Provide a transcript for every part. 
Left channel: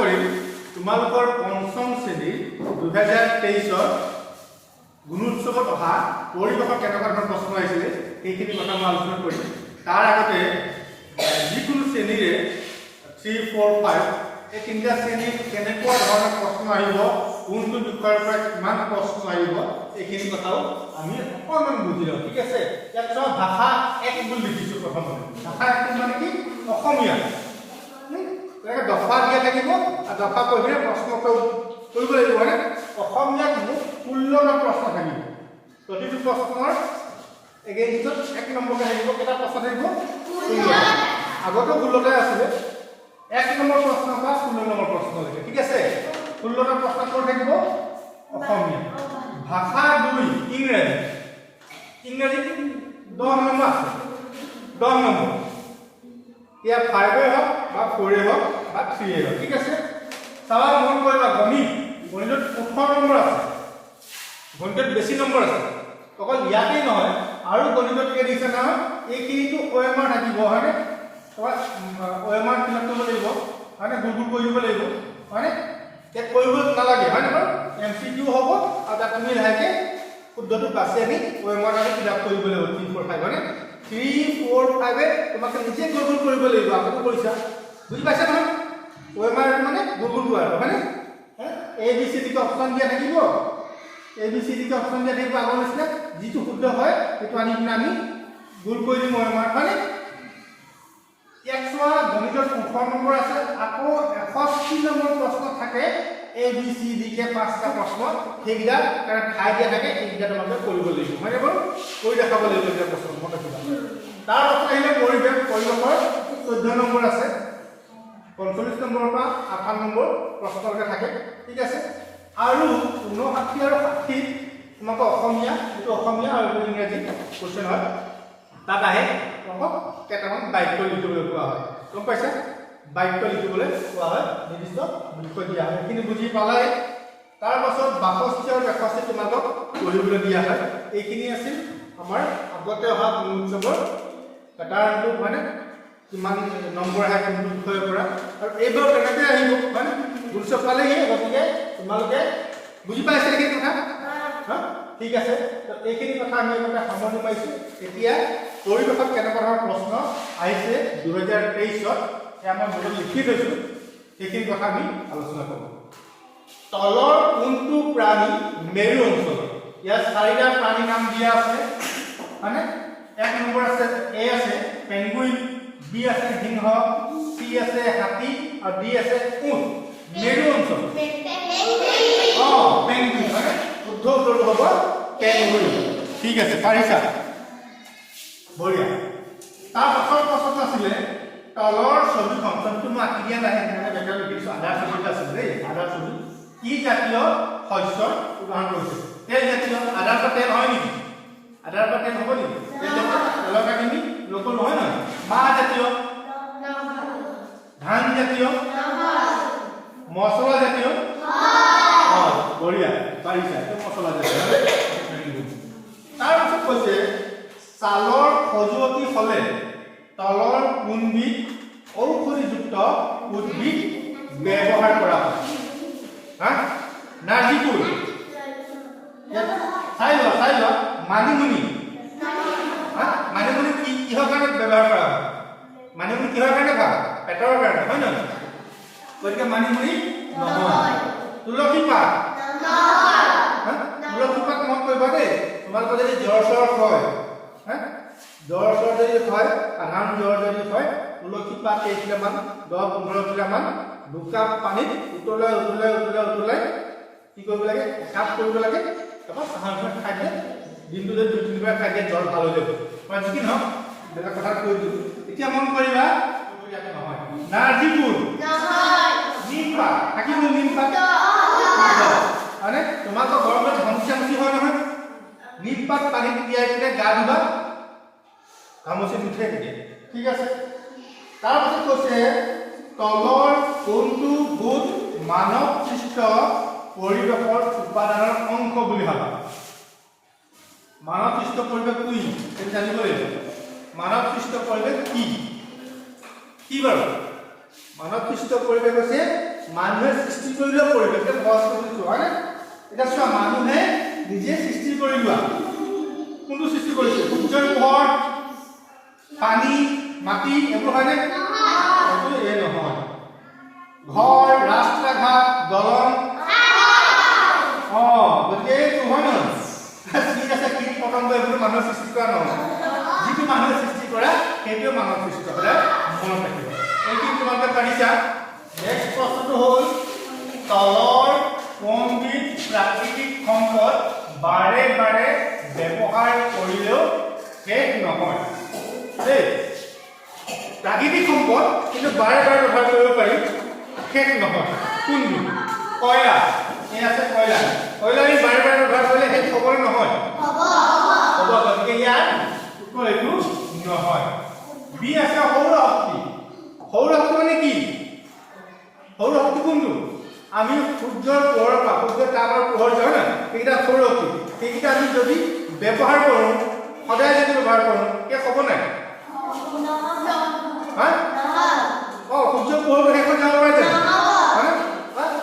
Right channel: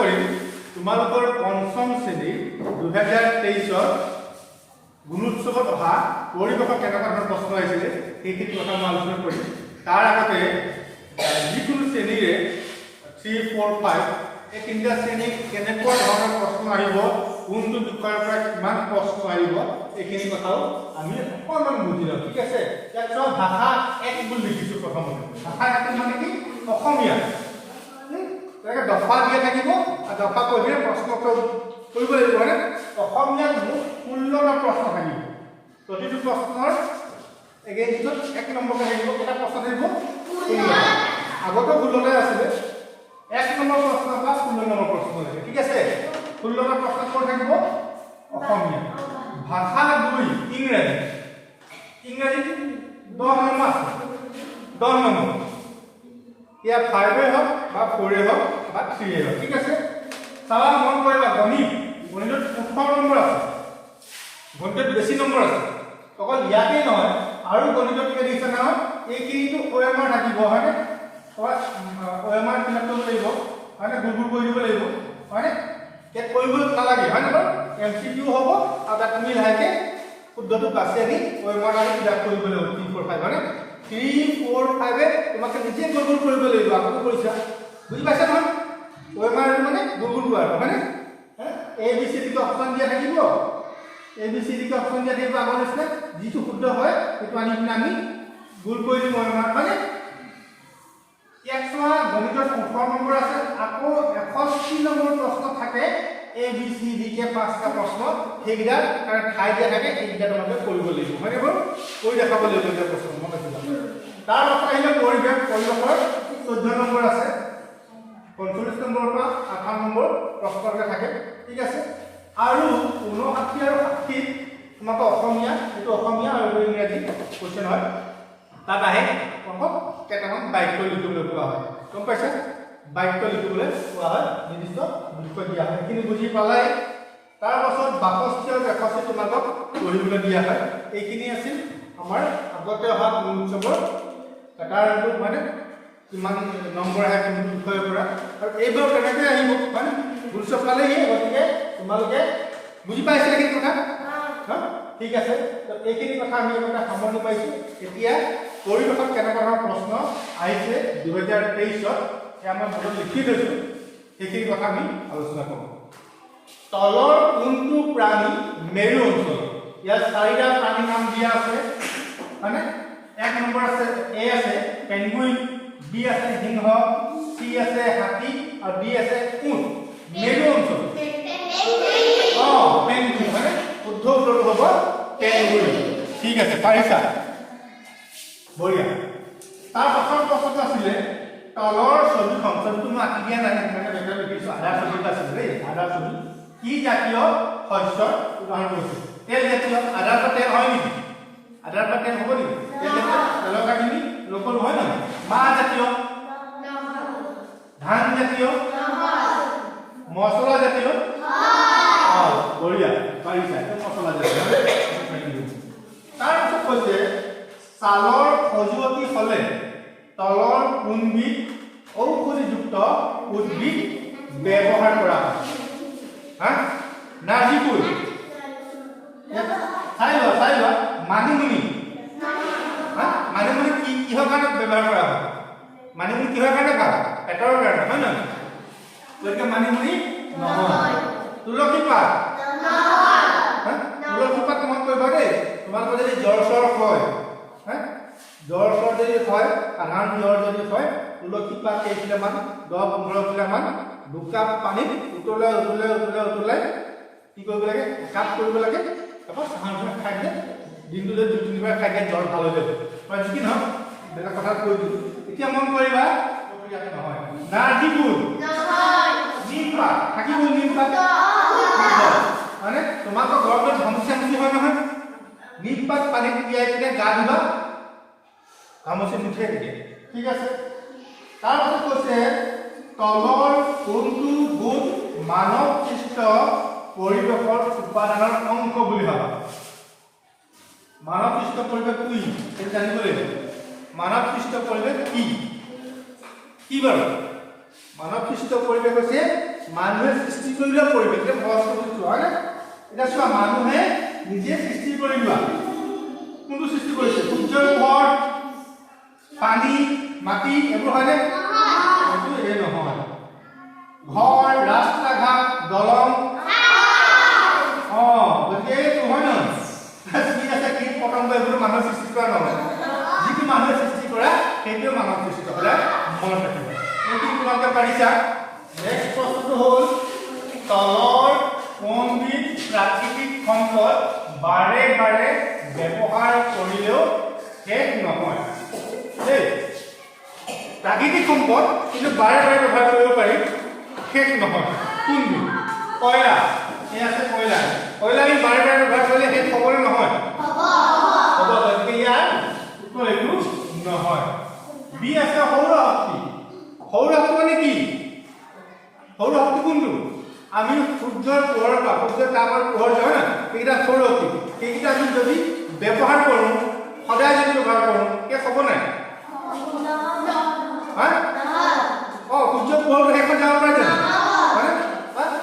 কৰিম তোমালোকৰ পঞ্চম শ্ৰেণীৰ 2023 গুণোৎসৱত অহা পৰিৱেশৰ কেনেকুৱা ধৰণৰ প্ৰশ্ন আহিছিলে সেইখিনি কথা মই আলোচনা কৰিম। তাৰ আগতে যিকোনো শ্ৰেণীৰে 3, 4, 5 এই তিনিটা শ্ৰেণীত কেনেকুৱা ধৰণৰ প্ৰশ্ন আহিব, কোনটো বিষয়ৰ পৰা কিমান প্ৰশ্ন আহিব এইখিনি কথাও আমি অকণমান বুজি লওঁ। ঠিক আছে, ইয়াত ভাষা 1 বুলি লিখিছোঁ। প্ৰথমতে ভাষা 1 মানে কি? অসমীয়া। তেনেকৈ দফা দিয়া থাকিব আৰু দফা কৰি পেলাই প্ৰশ্ন কৰিব লাগিব। মানে অসমীয়াত মুঠ 16টা প্ৰশ্ন থাকিব। প্ৰতিটো প্ৰশ্নৰ এইটোত 1 নম্বৰকৈ থাকিব। কেইটা প্ৰশ্ন থাকিব? 16টা। আগতো 16টাই আছিলে। 1 নম্বৰ প্ৰশ্নৰ পৰা 16 নম্বৰ প্ৰশ্নলৈকে। ঠিক আছে, 16টা প্ৰশ্ন ক'ত থাকিব? অসমীয়া। ভাষা 2 ইংৰাজী। ইংৰাজীত 10 নম্বৰ আছে। 10 নম্বৰ ইয়াত 5 হওক বা 4 হওক বা 3 হওক। ঠিক আছে, চাবা মন কৰিবা। গণিতত 18 নম্বৰ আছে। গণিতত বেছি নম্বৰ আছে। অকল ইয়াতেই নহয়, আৰু গণিতত কি দিছে নহয়, এইখিনিতো OMR থাকিব, হয়নে? OMR ফিল আপ কৰিব লাগিব, হয়নে? গুল কৰি দিব লাগিব, হয়নে? ইয়াত কৰিব নালাগে, হয়নে বাৰু? MCQ হ'ব আৰু তাত তুমি লাহেকৈ শুদ্ধটো বাছি আনি OMR আৰু ফিল আপ কৰিব লাগিব। 3, 4, 5 হয়নে? 3, 4, 5 তোমাক নিজে গুল কৰিব লাগিব। আগতে কৰিছা, বুজি পাইছা নহয়? OMR মানে গুল কৰা, হয়নে? ABCD অপশ্যন দিয়া থাকিব। ABCD অপশ্যন দিয়া থাকিব আগৰ নিচিনা। যিটো শুদ্ধ হয় সেইটো আনি কিনে আমি গুল কৰি দিম OMR, হয়নে? ইয়াত চোৱা গণিতত 18 নম্বৰ আছে। আকৌ 61 নম্বৰ প্ৰশ্ন থাকে। ABCD কে 5টা প্ৰশ্ন, সেইকেইটা ঠাই দিয়া থাকে। সেইকেইটা তোমালোকে কৰিব লাগিব, হয়নে বাৰু? কৰি দেখাব লাগিব এই প্ৰশ্ন, মনত ৰাখিবা। তাৰ পাছত আহিলে পৰিৱেশৰ 14 নম্বৰ আছে। 45 নম্বৰৰ পৰা 58 নম্বৰ প্ৰশ্নলৈকে থাকে। ঠিক আছে, আৰু 59 আৰু 60 তোমাক অসমীয়া, এইটো অসমীয়া আৰু ইংৰাজী কোৱেশ্চন হয়। তাত আহে কেইটামান বাক্য লিখিবলৈ কোৱা হয়। গম পাইছা? বাক্য লিখিবলৈ কোৱা হয়, নিৰ্দিষ্ট বিষয় দিয়া হয়। সেইখিনি বুজি পালাই। তাৰ পাছত 62 আৰু 63 তোমালোকক পঢ়িবলৈ দিয়া হয়। এইখিনি আছিল আমাৰ আগতে অহা গুণোৎসৱৰ পেটাৰ্ণটো, মানে কিমান নম্বৰ আহে কোনটো বিষয়ৰ পৰা, আৰু এইবাৰ কেনেকৈ আহিব, হয়নে? গুণোৎসৱ পালেহি, গতিকে তোমালোকে বুজি পাইছে এইখিনি কথা? ঠিক আছে, এইখিনি কথা আমি আগতে সামৰণি পাইছোঁ। এতিয়া পৰিৱেশত কেনেকুৱা ধৰণৰ প্ৰশ্ন আহিছে 2023 সেয়া মই বোৰ্ডত লিখি থৈছোঁ। সেইখিনি কথা আমি আলোচনা কৰোঁ। তলৰ কোনটো প্ৰাণী মেৰু অঞ্চল? ইয়াত 4টা প্ৰাণীৰ নাম দিয়া আছে, হয়নে? 1 নম্বৰ আছে, A আছে পেঙ্গুইন, B আছে সিংহ, C আছে হাতী, আৰু D আছে উট। মেৰু অঞ্চল পেঙ্গুইন, হয়নে? শুদ্ধ উত্তৰটো হ'ব পেঙ্গুইন। ঠিক আছে, পাৰিছা? বঢ়িয়া। তাৰ পাছৰ প্ৰশ্নটো আছিলে তলৰ ছবিখন, ছবিটো মই আঁকি দিয়া নাই, সেইকাৰণে বেকাৰ লিখিছোঁ। আধাৰ ছবি আছিলে দেই, আধাৰ ছবি। কি জাতীয় শস্যৰ উদাহৰণ কৰিছোঁ? তেল জাতীয়। আধাৰ পৰা তেল হয় নেকি? আধাৰ পৰা তেল হ'ব নেকি? তেলৰ কাহিনী লোকল নহয় নহয়। মাহ জাতীয়, ধান জাতীয়, মছলা জাতীয়। বঢ়িয়া, পাৰিছা, এইটো মছলা জাতীয়। তাৰপিছত কৈছে ছালৰ খজুৱতি হ'লে তলৰ কোনবিধ ঔষধিযুক্ত উদ্ভিদ ব্যৱহাৰ কৰা হয়? নাৰ্জীফুল, চাই লোৱা। মানিমুনি, মানিমুনি কিহৰ কাৰণে ব্যৱহাৰ কৰা হয়? মানিমুনি কিহৰ কাৰণে ভাল? পেটৰ কাৰণে, হয় নহয়? গতিকে মানিমুনি নহয়। তুলসী পাত, তুলসী পাত মনত কৰিবা দেই। তোমালোকৰ যদি জ্বৰ হয়, জ্বৰ যদি হয়, সাধাৰণ জ্বৰ যদি হয়, তুলসী পাত কেইখিলামান 10-15 খিলামান দুকাপ পানীত উতলাই কি কৰিব লাগে? একাপ কৰিব লাগে। তাৰপৰা চাহখন খাই দিয়ে, দিনটোলৈ 2-3 বাৰ খাই দিয়ে, জ্বৰ ভাল হৈ যাব। মই যি কি নহওক বেলেগ কথা কৈ দিলোঁ। এতিয়া মন কৰিবা, নহয় নাৰ্জীফুল, নিম পাত থাকিব। নিম পাত মানে তোমালোকৰ ঘৰত ঘামচি হয় নহয়, নিম পাত পানীত তিয়াই কিনে গা ধুবা, ঘামচি নুঠে তেতিয়া। ঠিক আছে, তাৰপিছত কৈছে তলৰ কোনটো গোট মানৱ সৃষ্ট পৰিৱেশৰ উপাদানৰ অংশ বুলি ভাবা? মানৱ সৃষ্ট পৰিৱেশ কি সেইটো জানিব লাগিব। মানৱ সৃষ্ট পৰিৱেশ কি বাৰু? মানৱ সৃষ্ট পৰিৱেশ হৈছে মানুহে সৃষ্টি কৰি লোৱা পৰিৱেশ এটা বস্তু বুজিছো হয় না এটা চোৱা মানুহে নিজে সৃষ্টি কৰি লোৱা কোনটো সৃষ্টি কৰিছে সূৰ্যৰ পোহৰ পানী মাটি এইবোৰ হয়নে এই নহয় ঘৰ ৰাস্তা ঘাট দলং গতিকে এইটো হয় নহয় ঠিক আছে কীট পতংগ এইবোৰ মানুহৰ সৃষ্টি কৰা নহয় যিটো মানুহে সৃষ্টি কৰা সেইটোৱে মানুহৰ সৃষ্টি সদায় মনত ৰাখিব এইটো তোমালোকে পাৰিছা নেক্সট প্ৰশ্নটো হ'ল তলৰ কোনবিধ প্ৰাকৃতিক সম্পদ বাৰে বাৰে ব্যৱহাৰ কৰিলেও শেষ নহয় দেই প্ৰাকৃতিক সম্পদ কিন্তু বাৰে বাৰে ব্যৱহাৰ কৰিব পাৰি শেষ নহয় কোনবিধ কয়লা এই আছে কয়লা কয়লা আমি বাৰে বাৰে ব্যৱহাৰ কৰিলে শেষ হ'ব নহয় হ'ব গতিকে ইয়াৰ উত্তৰ এইটো নহয় বি আছে সৌৰ শক্তি মানে কি সৌৰ শক্তি কোনটো আমি সূৰ্যৰ পোহৰৰ পৰা সূৰ্যৰ তাপৰ পোহৰ হয় না এইটা সৌৰ শক্তি সেইকেইটা আমি যদি ব্যৱহাৰ কৰোঁ সদায় যদি ব্যৱহাৰ কৰোঁ শেষ হ'ব নাই সূৰ্যৰ পোহৰ শেষ হৈ যাব পাৰে জানো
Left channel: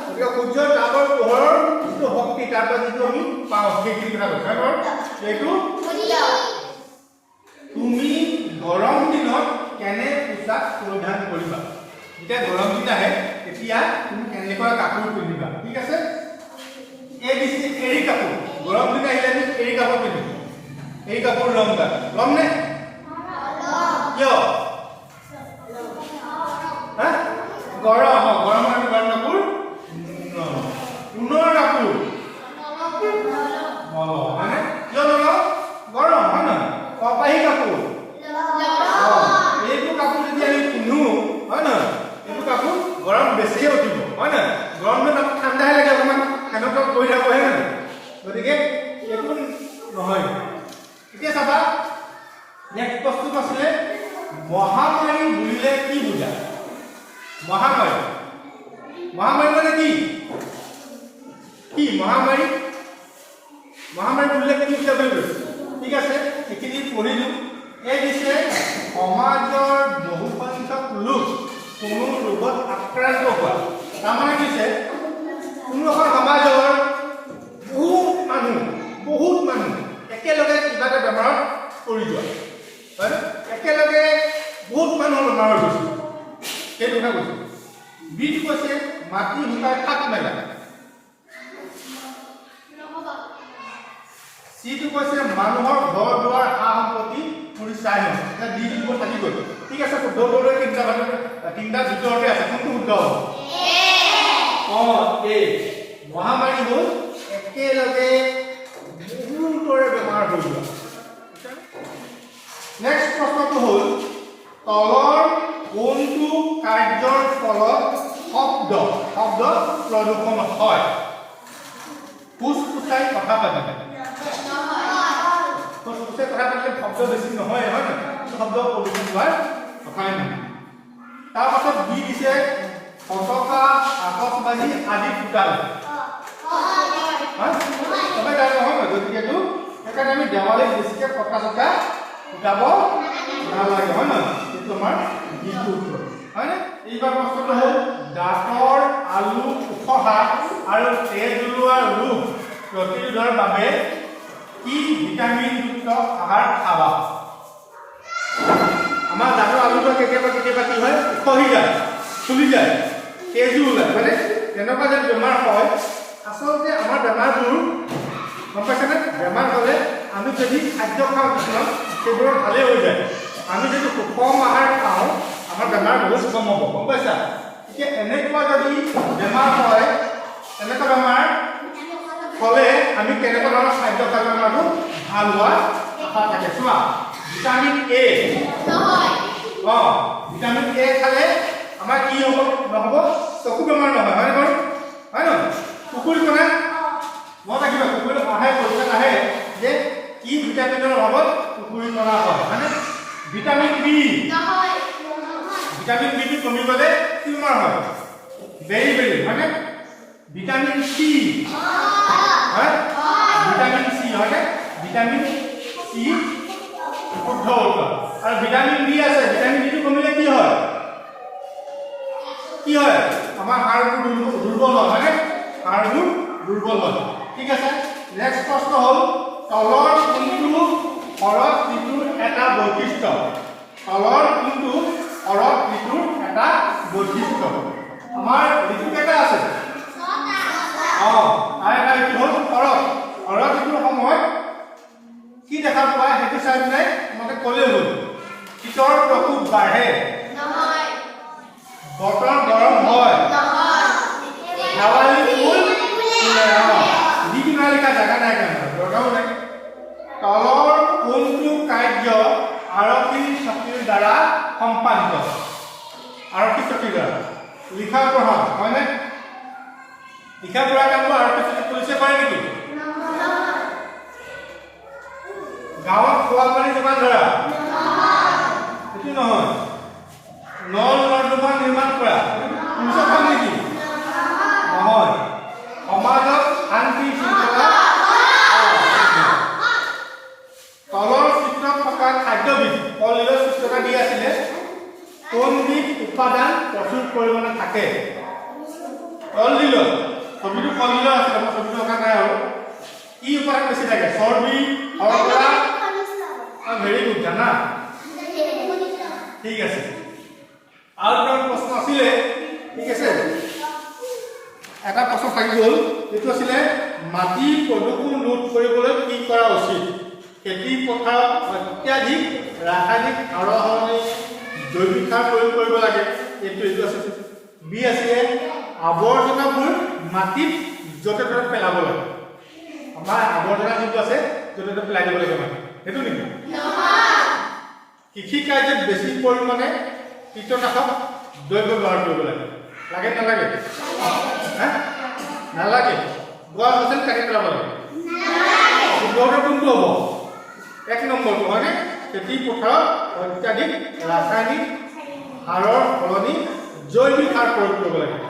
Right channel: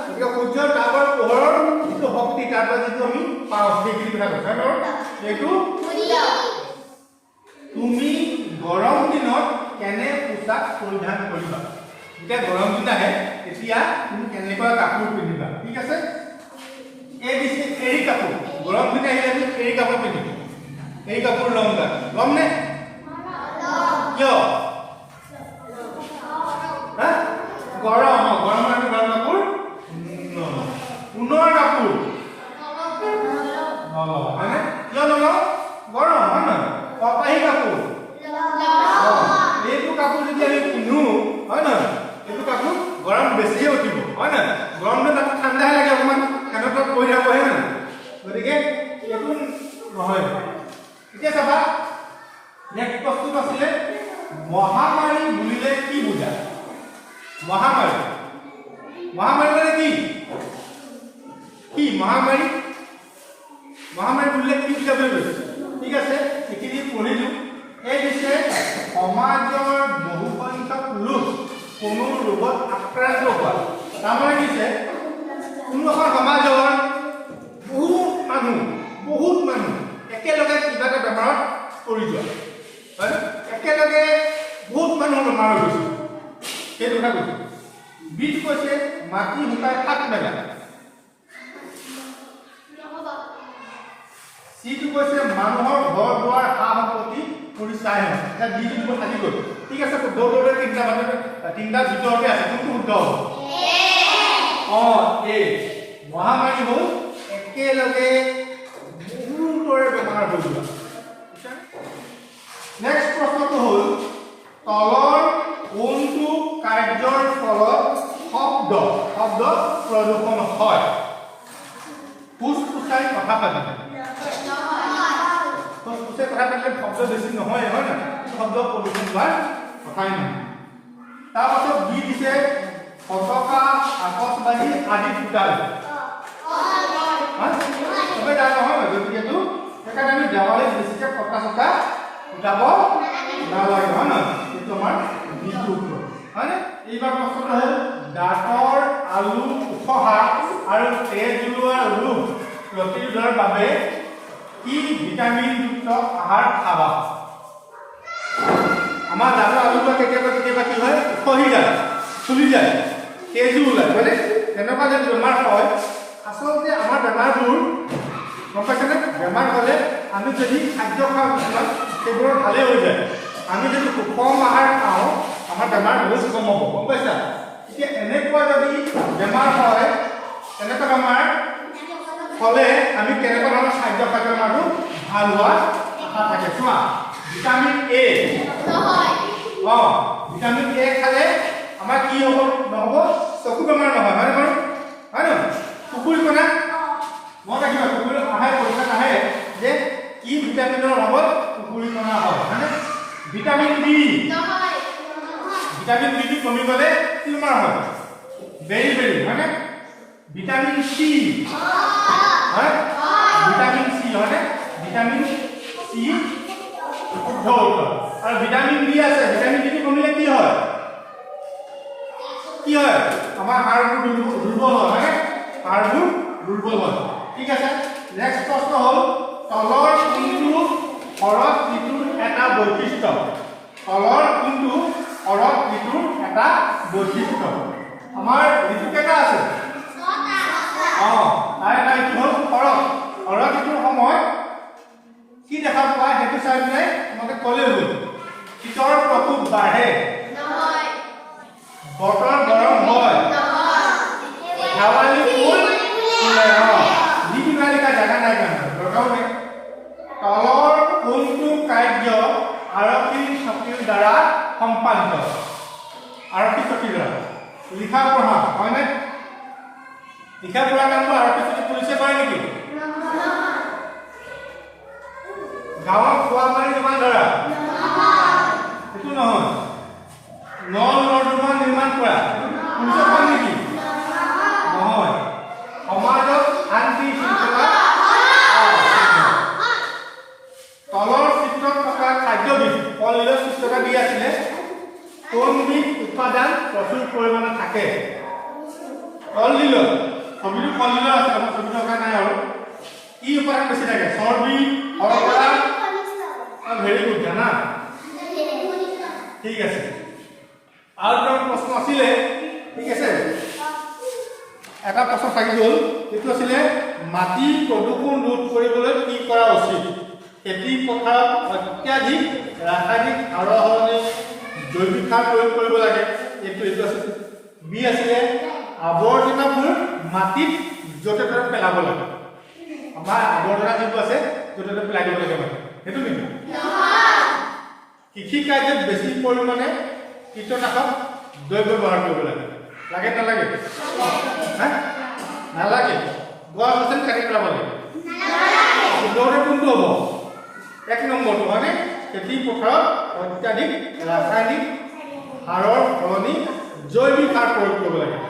গতিকে সূৰ্যৰ তাপৰ পোহৰৰ যিটো শক্তি তাৰ পৰা যিটো আমি পাওঁ সেইখিনি কথা কৈছে এইটো তুমি গৰম দিনত কেনে পোচাক পৰিধান কৰিবা যেতিয়া গৰম দিন আহে তেতিয়া তুমি কেনেকুৱা কাপোৰ পিন্ধিবা ঠিক আছে এই দিছে এৰী কাপোৰ গৰম দিন আহিলে আমি এৰী কাপোৰ পিন্ধিম এৰী কাপোৰ ল'ম নে কিয় গৰম গৰমৰ গৰম কাপোৰ ঊণৰ কাপোৰ হয়নে কিয় নলওঁ গৰম হয় নহয় কপাহী কাপোৰ এইটো কাপোৰ যদি আমি পিন্ধো হয় নহয় এইটো কাপোৰ গৰম বেছিয়ে উঠিব হয় নহয় গৰম দিনত আকৌ ঠাণ্ডাহে লাগে অকণমান ফেনৰ তলত পৰি থাকো হয় নহয় গতিকে এইটো নহয় এতিয়া চাবা নেক্সট প্ৰশ্নটো আছিলে মহামাৰী বুলিলে কি বুজায় মহামাৰী মানে কি মহামাৰী বুলিলে কি বুজায় বুলি কৈছে ঠিক আছে এইখিনি পঢ়িলো এই দিছে সমাজৰ বহুসংখ্যক লোক কোনো ৰোগত আক্ৰান্ত হোৱা তাৰমানে দিছে কোনো এখন সমাজৰ বহুত মানুহ একেলগে কিবা এটা বেমাৰত পৰি যোৱা হয় একেলগে বহুত মানুহ বেমাৰ হৈ গৈছে সেইটো কথা কৈছে বিধ কৈছে মাটি শুকাই শাক মেলা সিটো কৈছে মানুহৰ ঘৰ দুৱাৰ সা সম্পত্তি পুৰি চাই নহয় এটা দিটো দিব থাকি গ'ল ঠিক আছে দৌৰে তিনিটা ভিতৰতে আছে কোনটো শুদ্ধ হ'ব মহামাৰী হ'ল একেলগে বহুতৰে বেমাৰ হৈ যোৱা নেক্সট প্ৰশ্নটো হ'ল তলৰ কোনটো কাৰ্যৰ ফলত শব্দ প্ৰদূষণ হয় ফুসফুসাই কথা পাতিলে ফুসফুসাই কথা পাতিলে শব্দ বেছি নহয় হয় না শব্দ প্ৰদূষণ হোৱাৰ কথাই নহয় তাৰপাছত বি দিছে পতাকা আকাশবাণী আদি ফুটাল সবে জানো নহয় গতিকেতো সেইকাৰণে আমি দেৱালীত বেছিকৈ পতাকা ফুটাব নালাগে হয় নহয় এইটো আমাৰ বিহু উৎসৱ হয়নে এইবাৰ প্ৰশ্নটো হ'ল দাঁতৰ আলু উঠহা আৰু তেজ ওলোৱা ৰোগ প্ৰতিৰোধৰ বাবে কি ভিটামিনযুক্ত আহাৰ খাবা আমাৰ দাঁতৰ আলুটো কেতিয়াবা কি হয় উঠহি যায় ফুলি যায় তেজো ওলায় হয়নে তেনেকুৱা যদি বেমাৰ হয় আচলতে আমাৰ বেমাৰবোৰ গম পাইছেনে বেমাৰ হ'লে আমি যদি খাদ্য খাওঁ কিছুমান সেইবোৰৰ ভালেই হৈ যায় আমি যদি সুষম আহাৰ খাওঁ আমাৰ বেমাৰ বহুত কম হ'ব গম পাইছা এতিয়া এনেকুৱা যদি বেমাৰ হয় তেনেকুৱা বেমাৰ হ'লে আমি কেনেকুৱা ধৰণৰ খাদ্য খালে বেমাৰটো ভাল হোৱাৰ আশা থাকে চোৱা ভিটামিন এ ভিটামিন এ খালে আমাৰ কি হ'ব নহ'ব চকু বেমাৰ নহয় হয় নহয় কুকুৰ কোনা মই ৰাখিবা কুকুৰ আহে পৰীক্ষা নাহে যে কি ভিটামিনৰ অভাৱত কুকুৰি কৰা হয় হয়নে ভিটামিন বি কমি গ'লে কি বেমাৰ হয় বেৰি হয়নে ভিটামিন চি হয় ভিটামিন চি হয়নে ভিটামিন চি শুদ্ধ উত্তৰ আৰু ভিটামিন বি আছে ভিটামিন বিটো কমিলে কি হয় কি হয় আমাৰ হাড়বোৰ দুৰ্বল হয় হয়নে হাড়বোৰ দুৰ্বল হয় ঠিক আছে নেক্সট প্ৰশ্ন হ'ল তলৰ কোনটো হৰদ ঋতুৰ এটা বৈশিষ্ট্য তলৰ কোনটো হৰদ ঋতুৰ এটা বৈশিষ্ট্য আমাৰ ঋতু কেইটা আছে তাই এইটো হ'ল শৰৎ ঋতুৰ সময়ত কি দেখা পোৱা সেইটো চাই পেলাই তোমাকে ক'লেই হ'ল শীতৰ প্ৰকোপ বাঢ়ে বতৰ গৰম হয় শেৱালি ফুল ফুলে নিবিমালিকা জাগা নাই কাৰণে দৰকাৰো নাই তলৰ কোনটো কাৰ্য আৰক্ষী চকীৰ দ্বাৰা সম্পাদিত আৰক্ষী চকীৰ দ্বাৰা লিখা পঢ়া হয়নে লিখা পঢ়া কামটো আৰক্ষী চকী পুলিচে কৰে নেকি গাঁৱত খোৱা পানী যোগান ধৰা সেইটো নহয় নল নৰ্দমা নিৰ্মাণ কৰা পুলিচৰ কাম নেকি নহয় সমাজত শান্তি শৃংখলা তলৰ চিত্ৰত থকা খাদ্যবিধ কলডিলৰ চিত্ৰটা দি আছিলে কোনবিধ উপাদান প্ৰচুৰ পৰিমাণে থাকে কলডিলৰ ছবিটো কলডিলৰ আছে আমাৰ ছবিটো থকা নাই আৰু কি উপাদান বেছি থাকে চৰ্বি শৰ্কৰা ভেৰি গুড জানা ঠিক আছে আৰু এটা প্ৰশ্ন আছিলে ঠিক আছে এটা প্ৰশ্ন থাকি গ'ল এইটো আছিলে মাটি প্ৰদূষণ ৰোধ কৰিবলৈ কি কৰা উচিত খেতি পথাৰত অত্যাধিক ৰাসায়নিক সাৰৰ সলনি জৈৱিক সাৰ প্ৰয়োগ কৰিব লাগে এইটো আছে বি আছিলে আৱৰ্জনাবোৰ মাটিত য'তে ত'তে পেলাব লাগে আমাৰ আৱৰ্জনা যিটো আছে য'তে ত'তে পেলাই দিব লাগে মানে সেইটো নেকি কৃষি কাৰ্যত বেছি পৰিমাণে কীটনাশক দ্ৰব্য ব্যৱহাৰ কৰিব লাগে লাগে নালাগে নালাগে গোৱা আছে কাটি পেলাব লাগে কোনটো হ'ব এক নম্বৰটো হয়নে খেতি পথাৰত অত্যাধিক ৰাসায়নিক সাৰৰ সলনি জৈৱিক সাৰ প্ৰয়োগ কৰিব লাগে